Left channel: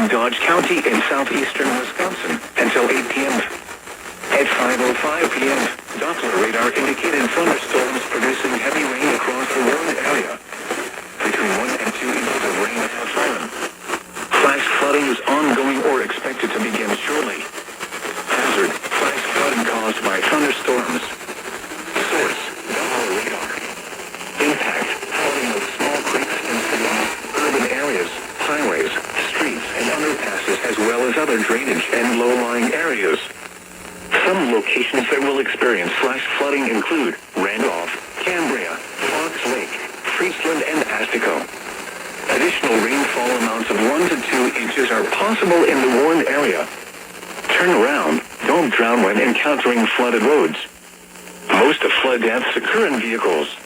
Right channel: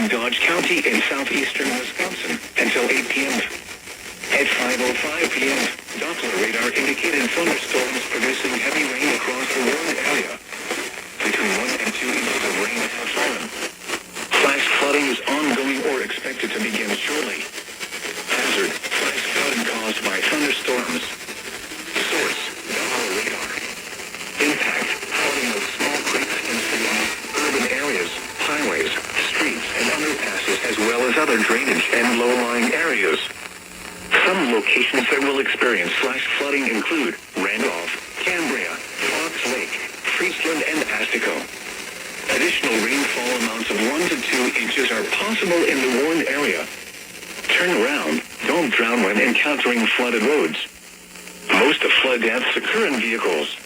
in Dodge County in southeastern Wisconsin until 8 p.m. At 5:05 p.m., Doppler radar indicated thunderstorms producing heavy rain across the warned area. Between 1 and 2 inches of rain have fallen. Flash flooding is ongoing or expected to begin shortly. Hazard: flash flooding caused by thunderstorms. Source: Doppler radar. Impact: flooding of small creeks and streams, urban areas, highways, streets, and underpasses, as well as other drainage and low-lying areas. Some locations that will experience flash flooding include Randolph, Cambria, Fox Lake, Friesland, and Astico. Additional rainfall amounts of 1 to 2 inches are possible in the warned area. Turn around. Don't drown when encountering flooded roads. Most of flood deaths occur in vehicles.